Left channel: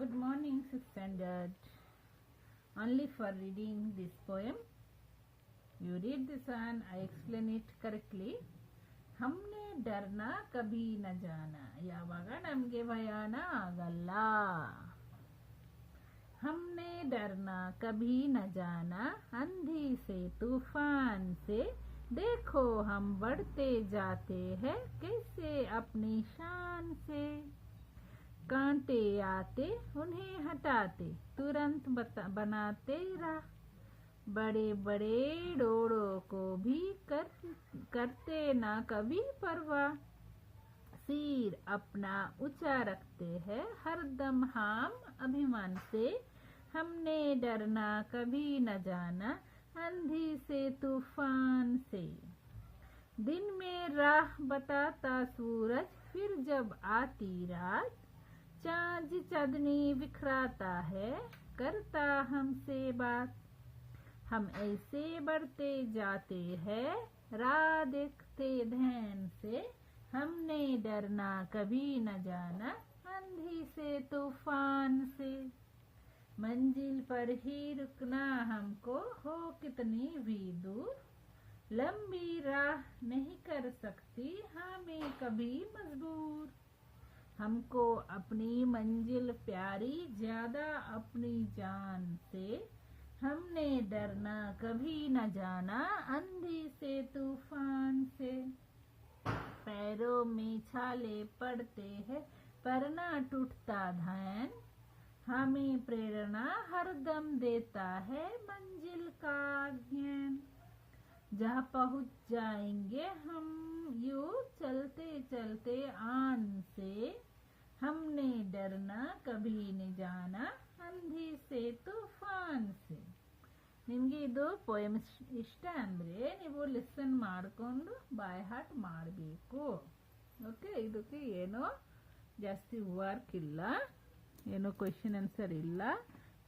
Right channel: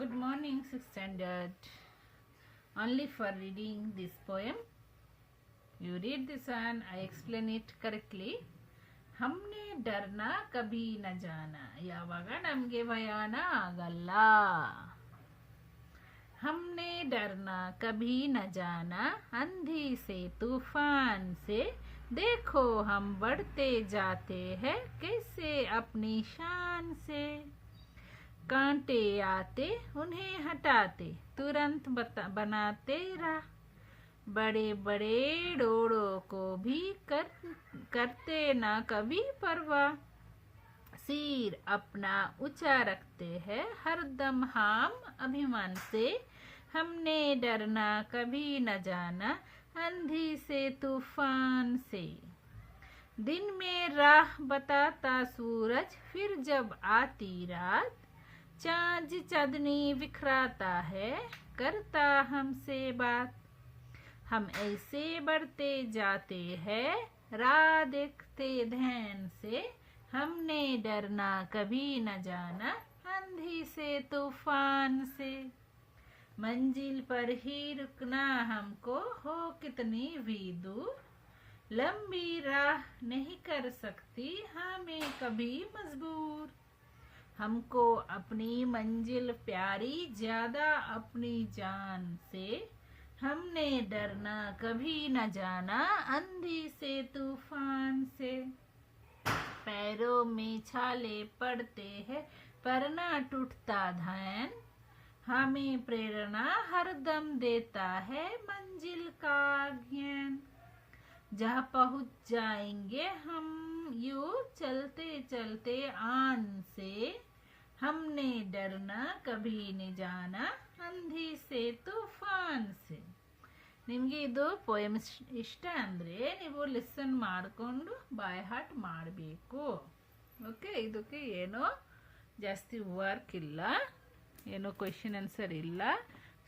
Good morning, 6th standard. Only for reading this poem. You read this and I explain it correctly. हमने डरना कभी न जाना ಯಾವಾಗ ನಮಗೆ ಭಯಾನ ಆಗಲ್ಲ हमने डरना कभी न जाना अंधी से तूफान से देखो हम बढ़ते जाते हैं कैसे अपनी शान से कांटे आते उन्हें हटाते तुरंत बनाते राह बड़े बड़े डोरों को भी करते ना कभी परवाह सिर अपना ऊंचा रखते हैं हरदम हम अभिमान से हमने डरना कभी न जाना अंधी से तूफान से दिन में राह बताता सूरज फिर जब आती रात चाँद चांदनी बिखराता है करता हमसे बात हम ऐसे बढ़ते जाते हैं राह देखते ध्यान से हमने डरना कभी न जाना अंधी से तूफान से मंजिल पर ही रुकना हमको हो कितनी भी दूर लंबी राह नहीं कर सकती हमें कभी मजबूर हमको अपनी मंजिल प्यारी ज्यादा अपनी जान से हमने डरना कभी न जाना अंधी से तूफान से पैरों में छाले पड़ते हैं पर ना टूटता ध्यान हमें प्रेरणा हरदम देता है मंजिल का ज्ञान जहाँ पहुँच जाएंगे हम यूं चलते चलते आन से हमने डरना कभी न जाना अंधी से तೂಫಾನ್ से ನಿಮಗೆ ಇದು ಪೋಯಮ್ ಇಷ್ಟ ಅಂದರೆ ನೀವು ಲಿಸನ್ ಮಾಡಿಕೊಂಡು ಬೈ ಹಾರ್ಟ್ ಮಾಡಬೇಕು. ಓಕೆ, ಇದಕ್ಕೆ ಏನೋ ಜಾಸ್ತಿ ವರ್ಕ್ ಇಲ್ಲ, ಏನೋ ಕ್ವೆಶ್ಚನ್ ಆನ್ಸರ್ ಇಲ್ಲ.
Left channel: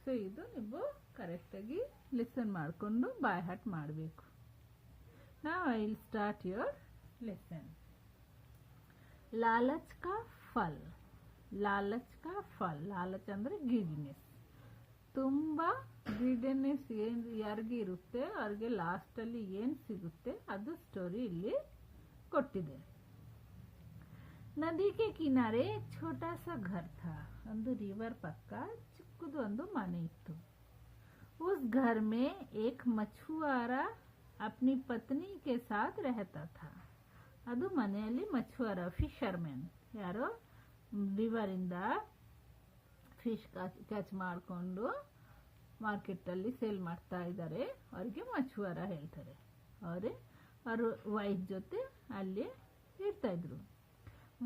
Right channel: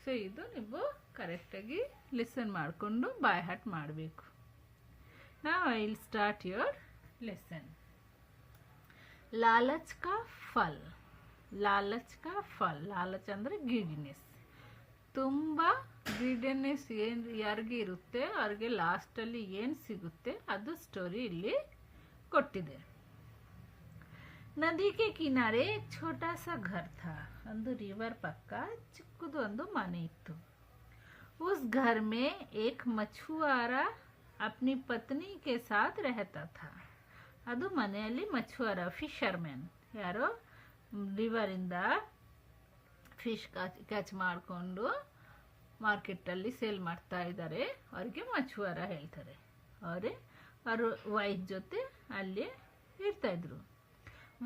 ಸೊ ಇದು ನೀವು ಕರೆಕ್ಟಾಗಿ ಲಿಸನ್ ಮಾಡಿಕೊಂಡು ಬೈ ಹಾರ್ಟ್ ಮಾಡಬೇಕು. ನಾವು I will start your lesson. ಲಾಲಚ್ ಕಾ ಫಲ್. ಲಾಲಚ್ ಕಾ ಫಲ್. ಲಾಲಚ್ ಅಂದರೆ ಗ್ರೀಡಿನೆಸ್. ತುಂಬ ಗ್ರೀಡಿನೆಸ್ ಏನು ಯಾರಿಗೆ ಇರುತ್ತೆ ಅವ್ರಿಗೆ ಲಾಸ್ಟಲ್ಲಿ ಏನು ಸಿಗುತ್ತೆ ಅದು ಸ್ಟೋರಿ ಇಲ್ಲಿ ಕೊಟ್ಟಿದೆ. ನದಿ ಕೆ ಕಿನಾರೆ एक छोटा सा घर था. ಒಂದು ರಿವರ್ ಪಕ್ಕ ಚಿಕ್ಕದು ಒಂದು ಮನೆ ಇತ್ತು. उस घर में एक मछुआरा अपनी पत्नी के साथ रहता था. ಅದು ಮನೆಯಲ್ಲಿ ಮछुआರ ಫಿಶರ್ಮ್ಯಾನ್, ಯಾರೋ ರಿವರಿಂದ ಫಿಶ್ ಕ್ಯಾಚ್ ಮಾಡಿಕೊಂಡು ಮಾರ್ಕೆಟಲ್ಲಿ ಸೇಲ್ ಮಾಡ್ತಾ ಇದ್ದಾರೆ, ಅವ್ರಿಗೆ ಮछुआರ ಹೇಳ್ತಾರೆ. ಅವ್ರ ವೈಫ್ ಜೊತೆ ಅಲ್ಲಿ ಇರ್ತಾಯಿದ್ರು.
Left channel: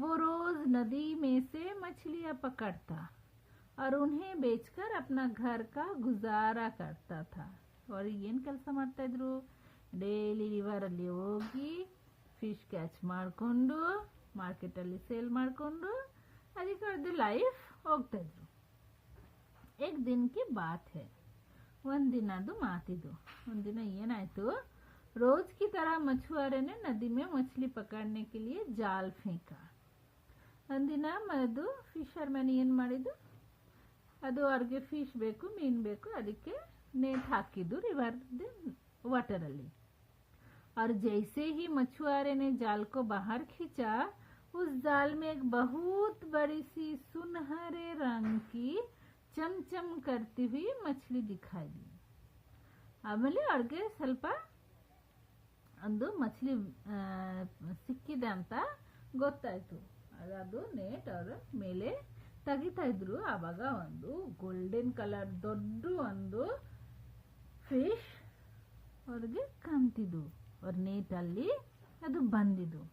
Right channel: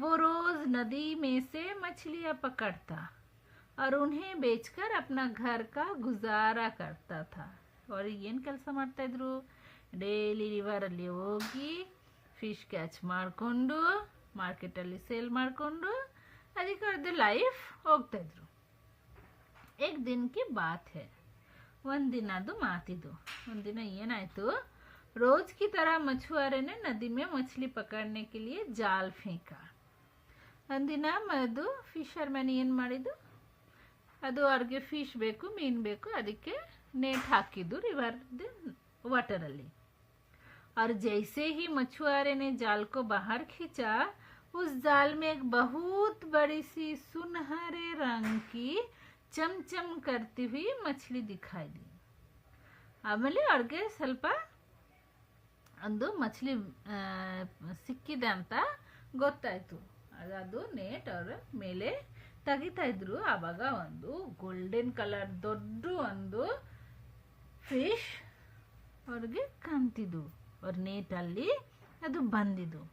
वो रोज नदी में से मछलियाँ पकड़ता और उन्हें बेचकर अपना घर का गुजारा करता था. ಅವ್ರು ಏನು ಕೆಲಸ ಮಾಡ್ತಾಯಿದ್ರು, ಡೈಲಿ ರಿವರಲ್ಲಿ ಹೋಗಿ ಫಿಶ್ ಕ್ಯಾಚ್ ಮಾಡಿಕೊಂಡು ಮಾರ್ಕೆಟಲ್ಲಿ ಸೇಲ್ ಮಾಡಿಕೊಂಡು ಅದಕ್ಕೆ ಅವ್ರದ್ದು ಲೈಫ್ ಹೋಗ್ತಾಯಿದ್ರು. एक दिन की बात है. ಒಂದಿನದು ಮಾತಿದು. ಒಂದಿನ ಏನಾಯಿತು, रोज की तरह मछुआरे ने नदी में मछली पकड़ने के लिए जाल फेंका. ಒಂದಿನ ಅದು ಫಿಶರ್ಮ್ಯಾನ್ ಏನು ಮಾಡಿದ್ದು, ಅದು ಅವ್ರಿಗೆ ಫಿಶ್ ಬೇಕು, ಮೀನು ಬೇಕು, ಅದಕ್ಕೆ नेट ಹಾಕಿದ್ದು ರಿವರ್ ವಾಟರಲ್ಲಿ. और जैसे ही मछुआरे ने जाल को बाहर खींचा उस जाल में एक बहुत बड़ी सी सुनहरे रंग की ಚಮಚಮ್ करती हुई मछली दिखाई दी. ಆಮೇಲೆ ಅವ್ರಿಗೆ ಸ್ವಲ್ಪ ಒಂದು ಮछली ಸಿಕ್ಕಿದೆ ಅಂತ ಗೊತ್ತಾಯಿತು. ಅದು ನೇಟ್ ಅವರ ಮೇಲೆ ತೆಗಿತಾ ಇದ್ರು. ಆವಾಗ ಒಂದು ಗೋಲ್ಡನ್ ಕಲರ್ ದೊಡ್ಡ ಒಂದು ಫಿಶ್ ಅವ್ರಿಗೆ ಕಾಣ್ತಿದ್ದು. ಅವ್ರ ನೇಟಲ್ಲಿ ಅದು ಬಂದಿದ್ದು.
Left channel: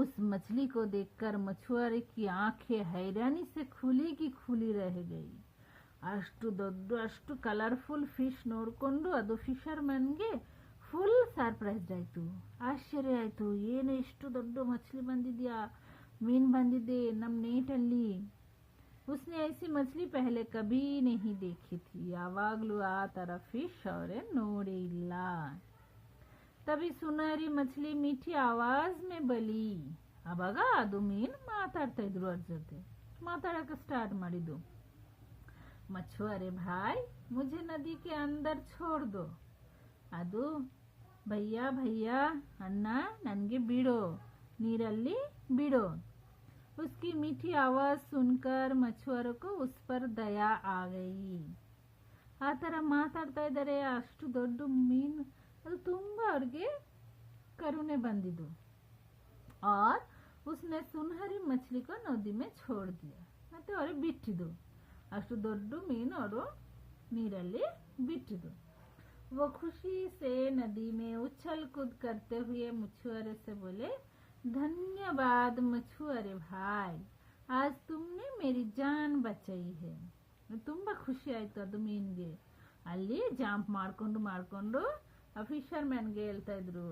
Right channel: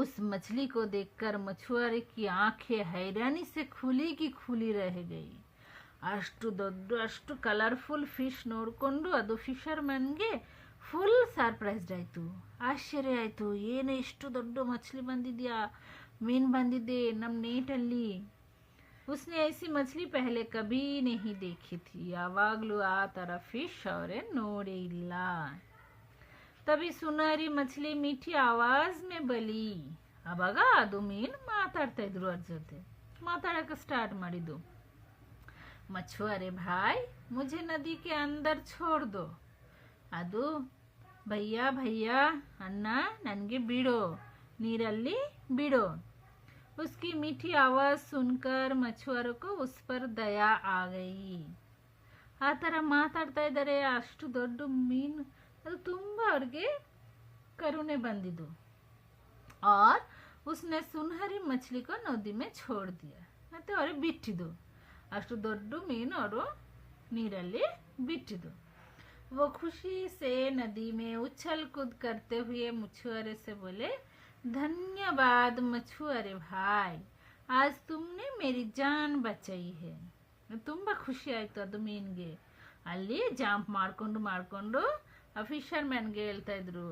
उस मछली को देखकर मछुआरे की आंखें हैरानी से खुली की खुली रह गई. ಅಷ್ಟು ದೊಡ್ಡ ಅಷ್ಟು ಕಲರ್ಫುಲ್ ಫಿಶ್ ನೋಡಿಕೊಂಡು ಅದು ಫಿಶರ್ಮನ್ಗೆ ಫುಲ್ ಸರ್ಪ್ರೈಸ್ಡ್ ಆಯಿತು, ಆಶ್ಚರ್ಯ ಆಯಿತು. ಏನು ಎಷ್ಟು ದೊಡ್ಡ ಮछली ಬಂದಿದೆಯಾ, ಮೀನು ಬಂದಿದೆ ನಮ್ಮ ನೇಟಲ್ಲಿ. उसने ऐसी मछली पहले कभी नहीं देखी थी. ಯಾವಾಗಲೂ ಆ ಥರ ಫಿಶ್ ಅವರೇ ನೋಡೇ ಇಲ್ಲ. तभी सुनहरी मछली मीठी आवाज में बली. ಆವಾಗ ಅದು ಮೀನು ಮಾತಾಡ್ತಾ ಇದ್ರು ಅವ್ರ ಜೊತೆ. ಮಾತಾಡಕ್ಕೆ ಸ್ಟಾರ್ಟ್ ಮಾಡಿದ್ದು. मछुआरे भाई मुझे नदी के अंदर छोड़ दो. ಅದು ಭಯ್ಯ ಭಯ್ಯ ಅಣ್ಣ ನನಗೆ ಬಿಡೋ, ನೀರಲ್ಲಿ ಬಿಡೋ. उसकी मीठी आवाज़ सुनकर मछुआरों को उस पर दया आ गई. ಆ ಥರ ಮಾತಾಡ್ತಾ ಇದ್ದಾರೆ, ಅಷ್ಟು ದೊಡ್ಡ ಮೀನು, ಅದು ತುಂಬ ಅವ್ರಿಗೆ ಕರುಣೆ ಬಂದಿದ್ದು. और उसने सुनहरी मछली को नदी में छोड़ दिया. ಮತ್ತೆ ಅವ್ರಿಗೆ ಬಿಟ್ಟಿದ್ದು, ಅಷ್ಟು ದೊಡ್ಡ ಮೀನು ಅವರು ನೀರಲ್ಲಿ ಬಿಟ್ಟಿದ್ದು. वो खुशी से नदी में उछल कूद करते हुए मछुआरे से बोले, धन्यवाद मछुआरे भाई, आज तुमने मेरी जान बचाई है. ತುಂಬ ಖುಷಿ ಆಯಿತು ಅದು ಮೀನಿಗೆ. ಅಲ್ಲಿ ಜಾಂಪ್ ಮಾಡಿಕೊಂಡು ಆ ಫಿಶರ್ಮ್ಯಾನ್ಗೆ ಹೇಳ್ತಾ ಇದ್ರು,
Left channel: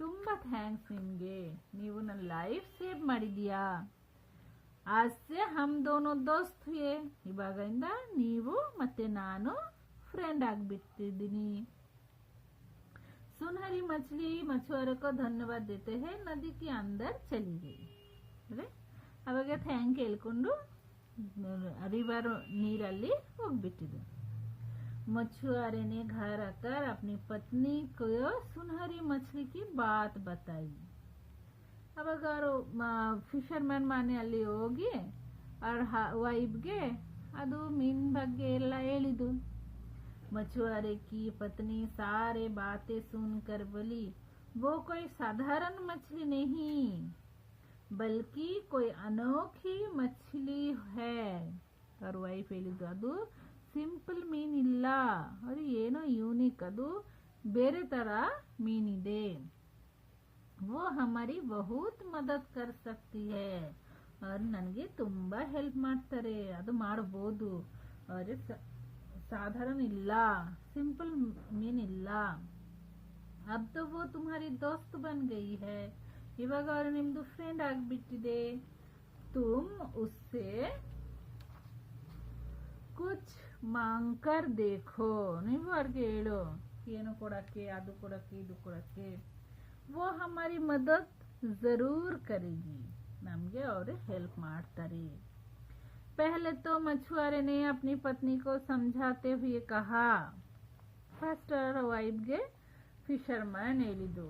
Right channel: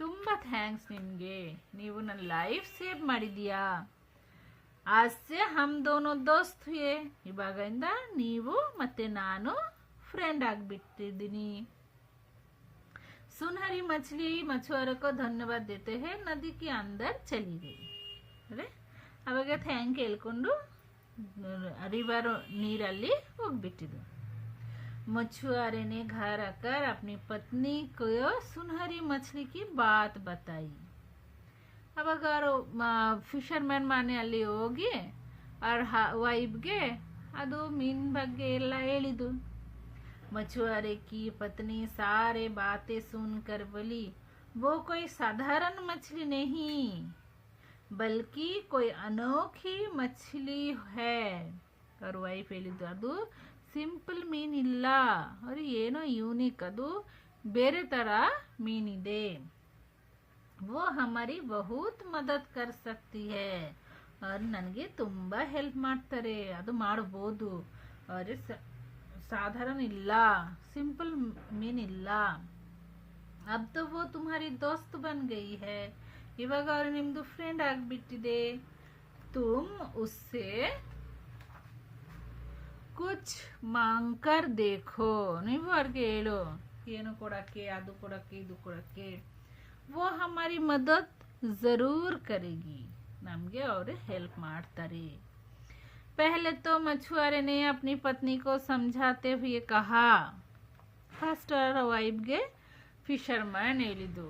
ತುಂಬ ಥ್ಯಾಂಕ್ಸ್ ನಿಮಗೆ, ನೀವು ನನ್ನ ಲೈಫ್ ಸೇವ್ ಮಾಡಿದೀಯಾ. ಆಸೆ ಹಮ್ ದೋನೋ ದೋಸ್ತ್ ಹುಯೆ, ಇವಾಗಿಂದ ನೀವು ಮತ್ತು ನಾನು ಫ್ರೆಂಡ್ ಆಗಿಬಿಟ್ಟಿದ್ದೀನಿ. सुनहरी मछली मछुआरों को धन्यवाद देते हैं नदी के अंदर चली गई. ಅದೇ ಅವಾಗ ಥ್ಯಾಂಕ್ ಹೇಳ್ಕೊಂಡು रिवर ನೀರಲ್ಲಿ ಹೋಗ್ಬಿಟ್ಟಿದ್ದು. मछुआरे ने घर आकर अपनी पत्नी को सुनहरी मछली की बात बताई. ಅವಾಗ ಫಿಶರ್ಮ್ಯಾನ್ ಮನೆ ಅಲ್ಲಿ ಹೋಗಿ ಅವ್ರ ವೈಫ್ಗೆ ಅದು ಮೀನ್ ಬಗ್ಗೆ ಎಲ್ಲ ಹೇಳಿದ್ದು. मछुआरे की पत्नी सारे बातें सुनकर बोली, वो कोई साधारण मछली नहीं बल्कि कोई अनोखी मछली है. और ವೈಫ್ ಹೇಳಿದ್ದು, ಅದು ಸಿಂಪಲ್ ಮೀನಿಲ್ಲ, ಅದು ಏನೋ ಯೂನಿಕ್, ಅದು ಬೇರೆ ಥರ ಮೀನಿದೆ. वो हमारी बहुत मदद कर सकती है, और ನನಗೆ ತುಂಬ ಹೆಲ್ಪ್ ಮಾಡ್ತಾರೆ, ಅದು ಮಾಡ್ಬೋದು. और साधारण ಇಲ್ಲ, ಸಿಂಪಲ್ ಮೀನಿಲ್ಲ. अब तो वो तुम्हारी दोस्त बन गई है, ಇವಾಗ ಅವರು ನಿಮ್ಮದು ಫ್ರೆಂಡ್ ಆಗಿಬಿಟ್ಟಿದೆ. तुम उससे कुछ मांग कर देखो, ನೀವು ಅವ್ರಿಗೆ ಹೇಳು ಏನು ಕೊಡಕ್ಕೆ, ಅದು ಕೊಡಕ್ಕೆ, ಇದು ಕೊಡಕ್ಕೆ. वो हमारी मदद ज़रूर करेगी, ನಮಗೆ ಅವರು ಹೆಲ್ಪ್ ಮಾಡ್ತಾರೆ. पहले तो मछुआरे ने अपनी पत्नी को समझाते हुए कहा, फर्स्ट वाइफ्ಗೆ फिशरमैन ಹೇಳಿದ್ದು,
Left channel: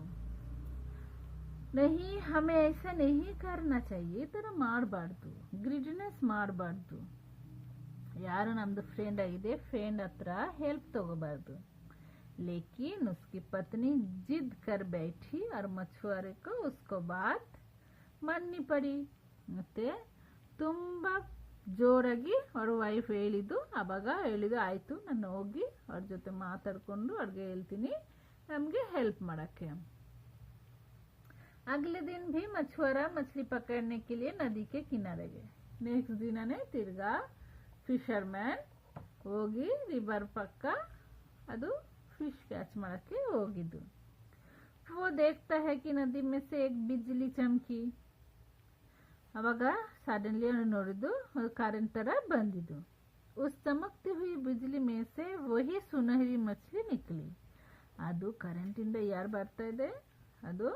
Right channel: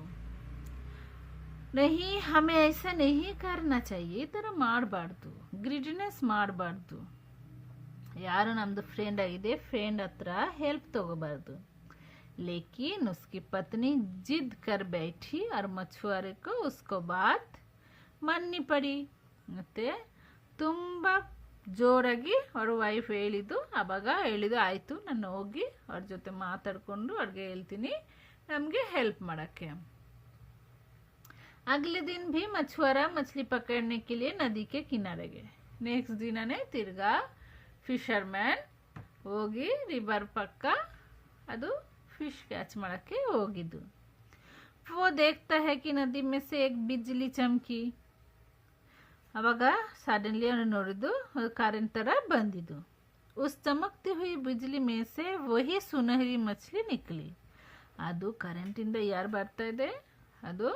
नहीं हमें ऐसा नहीं करना चाहिए, ಈ ಥರ ಮಾಡಬಾರ್ದು, ಗ್ರಿಡಿನೆಸ್ ಮಾಡಬಾರ್ದು. ಯಾರು ನಮ್ಮದು ಫ್ರೆಂಡ್ ಆಗಿದೆ, ಫ್ರೆಂಡ್ ಹತ್ರ ಹೆಲ್ಪ್ ತಗೋಬಾರ್ದು. लेकिन उसकी पत्नी जिद कर बैठी और मछुआरे को उसको बात माननी पड़ी. ಮತ್ತೆ ತುಂಬ ಜೋರಾಗಿ ಅವ್ರ ವೈಫ್ ಹೇಳಿದ್ದು, ಆವಾಗ ಹೇಳಿದ್ದು, ಆಯಿತು ನಾನು ಹೋಗಿ ಅವ್ರ ಜೊತೆ ಮಾತಾಡಿಕೊಂಡು ಅವ್ರಿಗೆ ಹೇಳ್ತೀನಿ ನಮಗೆ ಹೆಲ್ಪ್ ಮಾಡೋಕ್ಕೆ. अगले दिन भी मछुआरा मछली पकड़ने के लिए नदी के किनारे गए. नेक्स्ट ದಿನನೇ ತಿರ್ಗಾ ಫಿಶರ್ಮ್ಯಾನ್ ಹೋಗಿ ರಿವರ್ ಪಕ್ಕ ಅದು ಫಿಶ್ ಕ್ಯಾಚ್ ಮಾಡೋಕ್ಕೆ ಹೋಗಿದ್ದು. वो देखता है कि नदी में से एक बिजली चमकी. ಅವಾಗ ಸಡನ್ಲಿ ಅವನು ನೋಡಿದ್ದು ಕರೆಂಟ್ ಥರ ಬಂದಿದ್ದು. उस चमकती हुई बिजली में से वही सुनहरी मछली निकली. ಅದು ಕರೆಂಟಿಂದ ಯಾರು ಬರ್ತಾ ಇದೆ, ಅದು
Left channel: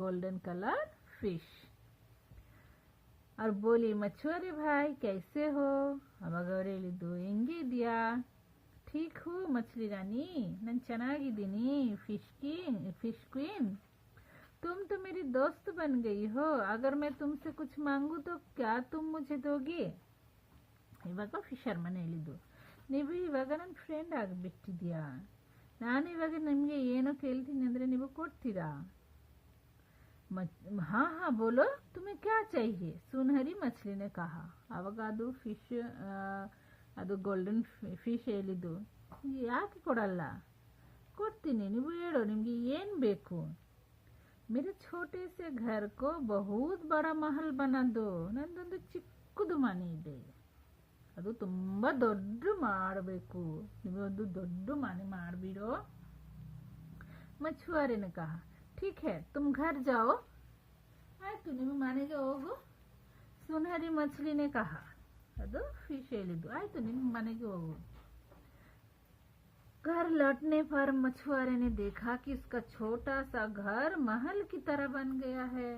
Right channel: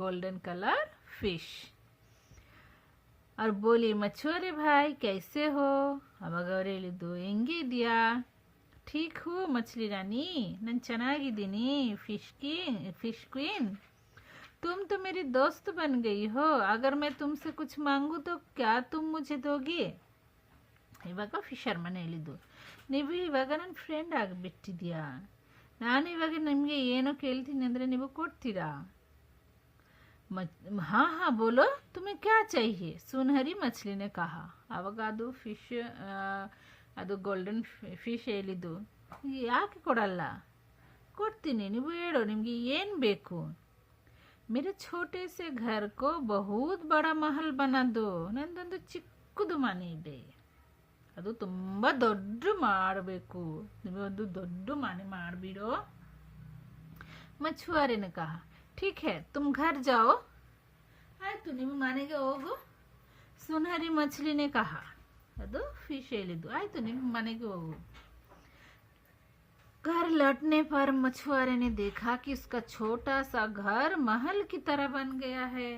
ಗೋಲ್ಡನ್ ಕಲರ್ ಫಿಶ್. और बोली, मछुआरे भाई कैसे हो. ಅವಾಗ ಅವ್ರು ಹೇಳಿದ್ದು, ಹೆಂಗೆ ಇದೆಯಾ. ठीक हो मछली रानी, ನಾನು ಚೆನ್ನಾಗಿದ್ದೀನಿ फिश क्वीन. तुम तो मेरी दोस्त बन गई हो, अगर मैं तुमसे कुछ मांगू तो क्या तुम मुझे दोगी. ಇವಾಗ ಫಿಶರ್ಮನ್ ಹೇಳಿದ್ದು, ನೀವು ಇವಾಗ ನನ್ನ ಫ್ರೆಂಡ್ ಆಗಿಬಿಟ್ಟಿದ್ಯಾ, ನಾನು ಇವಾಗ ನಿಮಗೆ ಏನೋ ಕೇಳ್ತೀನಿ ಅಂದರೆ ನೀವು ಕೊಡ್ತೀರಾ. हाँ हाँ बोलो तुम्हें क्या चाहिए, सुनहरी मछली ने कहा. ಆವಾಗ ಅದು ಫಿಶ್, ಅದು ಗೋಲ್ಡನ್ ಫಿಶ್ ಹೇಳಿದ್ದು, ಯಾಕೆ ಕೊಡಲ್ಲ, ಕೊಡ್ತೀನಿ, ನೀವು ಹೇಳೋ ನಿಮಗೆ ಏನು ಬೇಕು. मेरे छोटे से घर को बहुत बड़ा महल बना दो. ನಂದೊಂದು ಚಿಕ್ಕದು ಮನೆ ಇದೆ, ಅದು ತುಂಬ ದೊಡ್ಡ ಮಾಡಬೇಕು, ನೀವೊಂದು ದೊಡ್ಡ ಮನೆ ಮಾಡಿಬಿಡೋ. मछुआरे ने कहा, ठीक है तुम घर जाओ. ಆಯಿತು ನಿಮ್ಮ ಮನೆಗೆ ಹೋಗು. सुनहरी मछली ने कहा, ಅದು ಫಿಶ್ ಹೇಳಿದ್ದು, ಆಯಿತು ನಿಮ್ಮ ಮನೆಗೆ ಹೋಗು. घर लौटने पर मछुआरे ने देखा कि उसका छोटा सा घर महल की तरह बन गया है.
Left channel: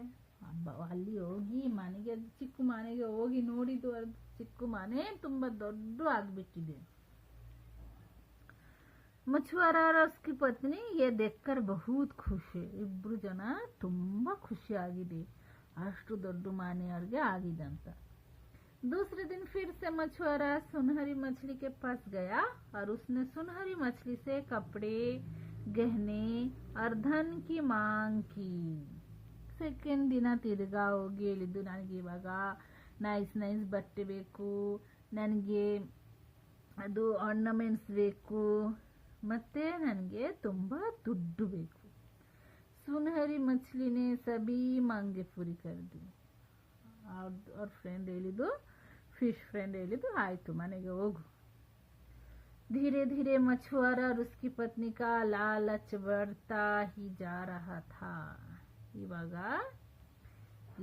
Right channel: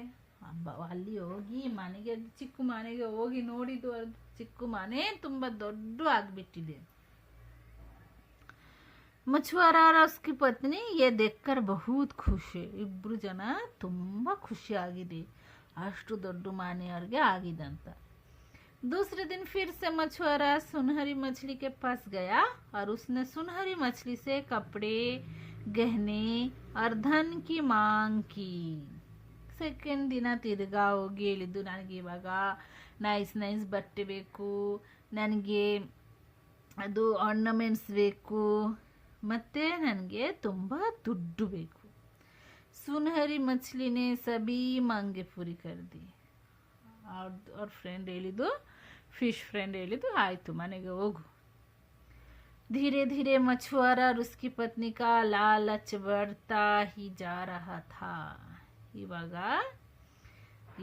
ಅಲ್ಲಿ ಹೋಗಿ ಮನೆಗೆ, ಚಿಕ್ಕ ಮನೆಗೆ ಹೋಗಿ ನೋಡಿದ್ದು, ಅದು ಚಿಕ್ಕ ಮನೆ ತುಂಬ ದೊಡ್ಡ ಆಗಿಬಿಟ್ಟಿದೆ. मछुआरा और उसकी पत्नी ये देखकर बहुत खुश है. ಇಬ್ರು ಜನ ತುಂಬ ಖುಷಿ ಆಗಿದೆ, ಅಷ್ಟು ದೊಡ್ಡ ಮನೆ ಅವ್ರಿಗೆ ಆಗಿದೆ ಅಂತ. दूसरे दिन फिर से मछुआरा सुनहरी मछली के पास गया और उसने सुनहरी मछली से कपड़े, गहने और धन की मांग की. ಸೆಕೆಂಡ್ ದಿನ ತಿರ್ಗಾ ಹೋಗಿ ಹೇಳಿದ್ದು, ನನಗೆ ಇವಾಗ ನೈಸ್ ಬಟ್ಟೆ ಬೇಕು, ನನಗೆ ಅದು ಆರ್ನಮೆಂಟ್ಸ್ ಬೇಕು, ಮತ್ತು ನನಗೆ ತುಂಬ ದುಡ್ಡು ಬೇಕು. ಸುನಹರಿ ಮछली ಸಬಿ ಮಾಂಗೆ ಪೂರಿ ಕರ್ದಿ. ಅವ್ರ ಫ್ರೆಂಡ್ ಹೇಳಿದ್ದು, ಫಿಶ್ ಫ್ರೆಂಡ್ ಹೇಳಿದ್ದು, ಆಯಿತು ಮನೆಗೆ ಹೋಗು. धीरे धीरे मछुआरा और उसकी पत्नी का लालच बढ़ता ही जा रहा था. ಇವಾಗ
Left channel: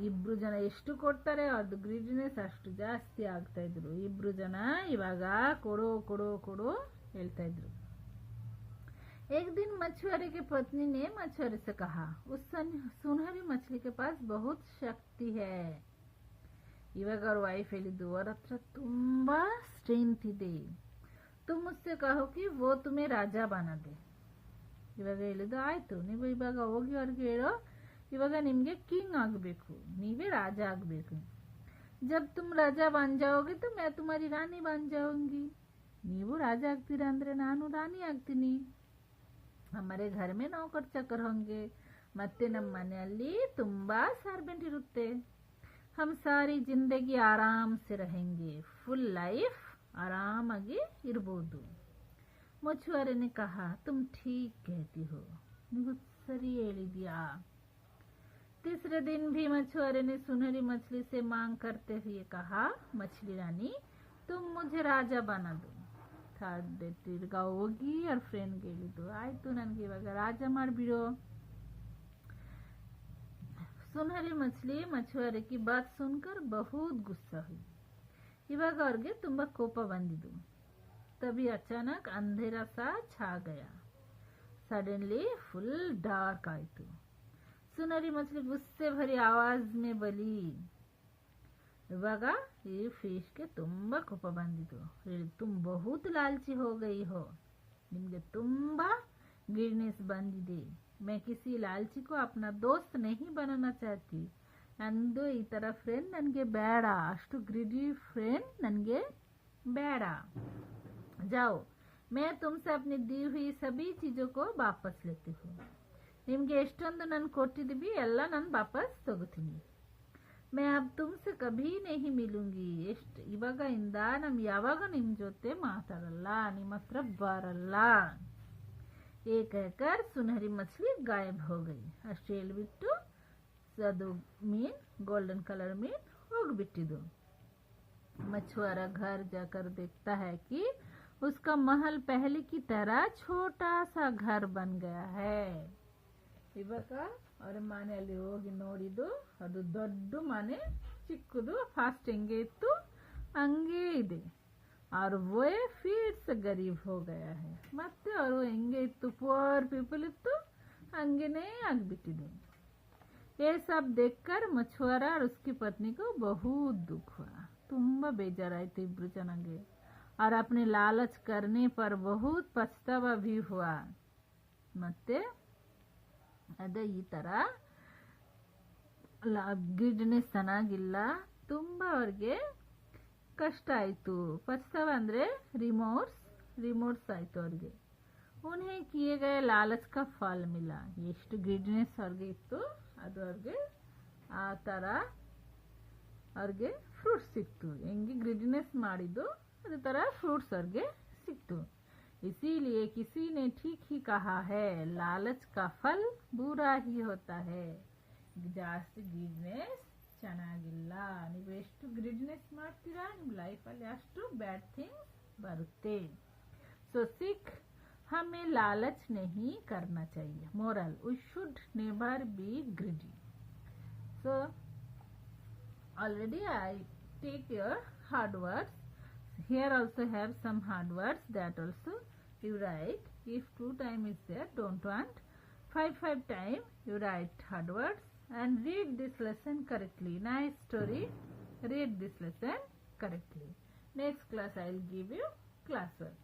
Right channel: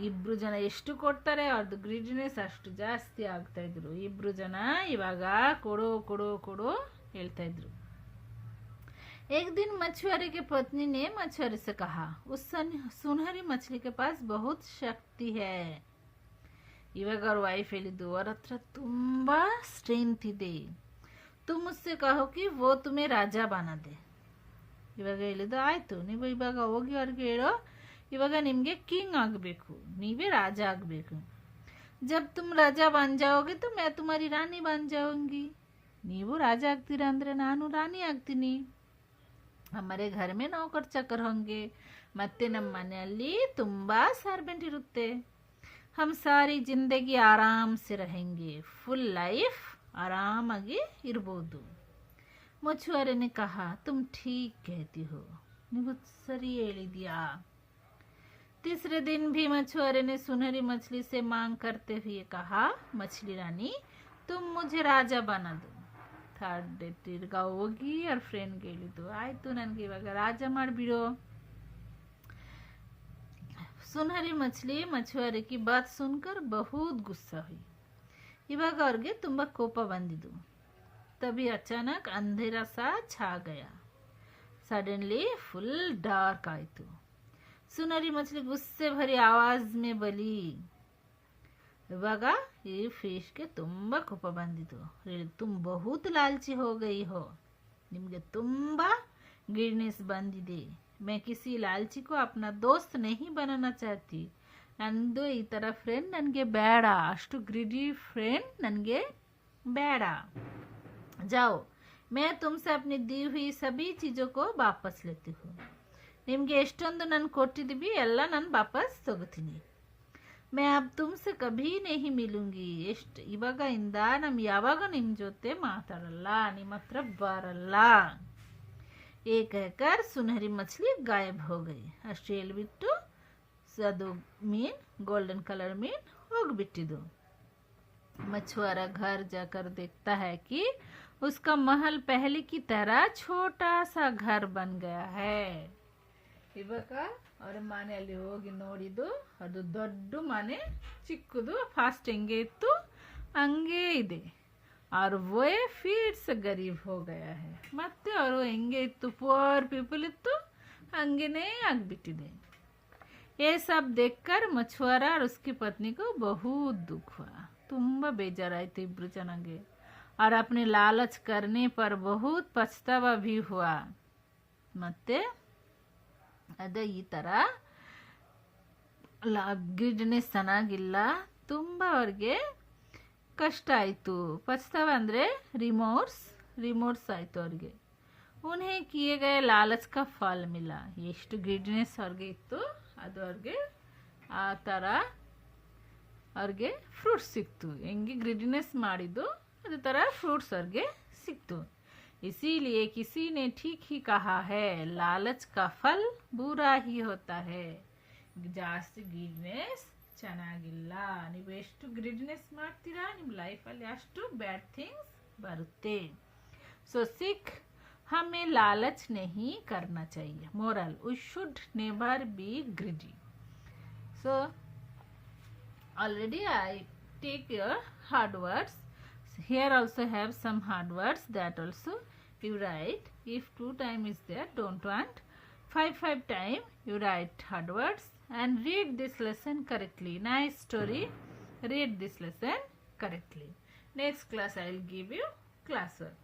ಇಬ್ರು ಜನ ಎಷ್ಟು ಕೊಡ್ತಾರೆ ಅವ್ರದ್ದು ಗ್ರೀಡಿನೆಸ್ ಅಷ್ಟು ಜಾಸ್ತಿ ಆಗ್ತಾ ಇದ್ರು. ಇಬ್ರು ಜನ ಇವಾಗ ಕೊಡೋ ಕೊಡೋ ಕೊಡೋ ಹೇಳ್ತಾ ಇದ್ರು. एक दिन मछुआरे के पत्नी ने मछुआरे से कहा, उस सुनहरी मछली के पास बहुत शक्ति है. ಇವಾಗ ಅವ್ರ ವೈಫ್ ಹೇಳಿದ್ದು, ಅವ್ರ ಹತ್ರ ತುಂಬ ಸ್ಟ್ರೆಂತ್ ಇದೆ, ತುಮ್ ಮುಸ್ಸೆ ಕಹೋ ಕಿ ವೋ ತುಮೆ ರಾಜ ಬನಾ ದೆ. ಇವಾಗ ಹೇಳಿದ್ದು, ಆಯಿತು ನೀವು ಇವಾಗ ಹೋಗಿ ಅವ್ರಿಗೆ ಹೇಳೋ, ಇವಾಗ ನಿಮಗೆ ಕಿಂಗ್ ಆಗಬೇಕು, ನೀವೇ ರಾಜ ಆಗಬೇಕು. ಜಬ್ ತುಮ್ ರಾಜ ಬನ್ ಜಾओगे तो मैं तुम्हारी रानी बन जाऊंगी. ನೀವು ರಾಜ ಆಗ್ತೀರಾ ಅಂದರೆ ನಾನು ರಾಣಿ ಆಗ್ತೀನಿ. ಹಮಾರೆ ಘರ್ ಮೇ ನೌಕರ್ ಚಾಕರ್ ಹೋಂಗೆ, ಮತ್ತೆ ನಮ್ಮ ಮನೆಯಲ್ಲಿ ತುಂಬ ಸರ್ವೆಂಟ್ ಇರುತ್ತೆ. हम सारी ಜಿಂದಗಿ ಆರಾಮ್ से रहेंगे, ಫುಲ್ ಲೈಫ್ ಆರಾಮಾಗಿ ಇರ್ಬೋದು. मछुआरे ने कहा, तुम ठीक कहती हो, ನೀವು ಸರಿ ಹೇಳಿದ್ಯಾ. तीसरे दिन भी मछुआरे ने सुनहरी मछली से मांग करते हुए कहा, मछली रानी तुम मुझे राजा बना दो. ಥರ್ಡ್ ಡೇ ತಿರ್ಗಾ ಹೋಗಿ ಅವ್ರ ಫ್ರೆಂಡ್ಗೆ ಹೇಳಿದ್ದು, ಆಯಿತು ನನಗೆ ಇವಾಗ ರಾಜ ಮಾಡಿಬಿಡೋ. सुनहरी मछली मछुआरे की बात सुनकर बहुत गुस्सा हुई. ಇವಾಗ ಅವ್ರಿಗೆ ತುಂಬ ಕೋಪ ಬಂದಿದ್ದು. तभी अचानक अंधेरा सा छा गया. सडनली फुल डार्क आಯಿತು. सुनहरी मछली गुस्से भरी आवाज में बोली. ಇವಾಗ ಈ ಫಿಶ್ಗೆ ತುಂಬ ಕೋಪ ಬಂದಿದ್ದು. ತುಮ್ ಬಹುತ್ ಲಾಲ್ಚಿ ಹೋ ಗೈ ಹೋ, ನಿಮಗೆ ತುಂಬ ಗಿಡ್ನೆಸ್ ಬಂದಿದೆ. मैं किसी लालची को अपना दोस्त नहीं बनाना चाहती. ನಂದು ಈ ಥರ ಫ್ರೆಂಡ್ ನನಗೆ ಬೇಡ, ಅಷ್ಟು ಗ್ರಿಡಿ ಫ್ರೆಂಡ್ ನನಗೆ ಬೇಡ. जाओ मैं तुमसे अपनी दी हुई सभी चीज़ों को वापस लेती हूँ. ನಿಮಗೆ ಎಷ್ಟೊಂದು ನಾನು ಕೊಟ್ಟಿದ್ದೀವಿ ಎಲ್ಲ ನಾನು ವಾಪಸ್ ತಗೋತೀನಿ. मैं अब तुमसे कभी नहीं मिलूंगी. ಎಷ್ಟು ಇವಾಗ ಇಂದ ನಾನು ಯಾವಾಗ ನಿಮ್ಮ ಜೊತೆ ಮಾತಾಡಲ್ಲ, ನಿಮ್ಮ ಹತ್ರ ಬರಲ್ಲ. ये कहकर सुनहरी मछली गायब हो गई. ಅಷ್ಟು ಹೇಳ್ಬಿಟ್ಟು ಅದು ಮೀನ್, ಗೋಲ್ಡನ್ ಕಲರ್ ಮೀನ್ ಹೋಗ್ಬಿಟ್ಟಿದ್ದು. मछुआरा घर जाकर देखता है कि उसका महल पहले की तरह छोटा सा घर बन गया है. ಇವಾಗ ಅವ್ರ ಮನೆಯಲ್ಲಿ ಹೋಗಿ ನೋಡಿದ್ದು, ಅದು ದೊಡ್ಡ ಮನೆ ಚಿಕ್ಕದು ಫಾಸ್ಟ್ ಹೆಂಗೆ ಇತ್ತು ಹಂಗೆ ಇದೆ. और वो फिर से गरीब हो गया है. ಮತ್ತೆ ಅವರು ಹೆಂಗೆ ಇತ್ತು, ಪುವರ್ ಪೀಪಲ್ ಇತ್ತು, ಹಂಗೇನೇ ಆಗಿಬಿಟ್ಟಿದೆ. ये सब देखकर मछुआरा और उसकी पत्नी को बहुत दुख हुआ. ತುಂಬ ಬೇಜಾರಾಯಿತು ಇಬ್ರು ಜನಗೆ. और अपने लालच करने पर बहुत पछतावा भी हुआ. ಮತ್ತೆ ಅದೇ ಈ ಥರ ಗಿಡ್ನೆಸ್ ಚೆನ್ನಾಗಿಲ್ಲ, ತುಂಬ ಅವ್ರಿಗೆ ಕಷ್ಟ ಆಯಿತು. ಪछतावा ಅಂದರೆ ರಿಮೋರ್ಸ್ ಆಯಿತು ಅವ್ರಿಗೆ. उन्हें किए गए लालच का फल मिला. ಎಷ್ಟು ಗ್ರಿಡ್ನೆಸ್ ಅವ್ರಿಗೆ ಇತ್ತು ಅದು ಅವ್ರಿಗೆ ಆ ಥರ ಅವ್ರಿಗೆ ಫ್ರೂಟ್ಸ್ ಸಿಕ್ತು. ಹೆಂಗೆ ಗ್ರಿಡ್ನೆಸ್ ಮಾಡಿದ್ದು ಅದೇ ಥರ ಫ್ರೂಟ್ಸ್ ಅವ್ರಿಗೆ ಸಿಕ್ತು. इसीलिए किसी ने ठीक ही कहा है, लालच का फल बुरा ही होता है. ಜಾಸ್ತಿ ಗ್ರಿಡ್ನೆಸ್ ಚೆನ್ನಾಗಿಲ್ಲ. ನೀವು ಎಷ್ಟು ಗ್ರಿಡ್ನೆಸ್ ಮಾಡ್ತೀರಾ ನಿಮ್ಮ ಲೈಫಲ್ಲಿ ಅಷ್ಟು ಬ್ಯಾಡ್ ಥಿಂಗ್ಸ್ ಬರುತ್ತೆ. ಸೊ ಸಿಖ್ हमें लालच नहीं करना चाहिए. Moral, we should never be greedy. So already I take your hard words. Here also have some hard words that also you write. If 2 time is there, don't want 5 times you write third words and read this lesson correctly. Nice story. Read this lesson correctly. Next class I will give you classwork.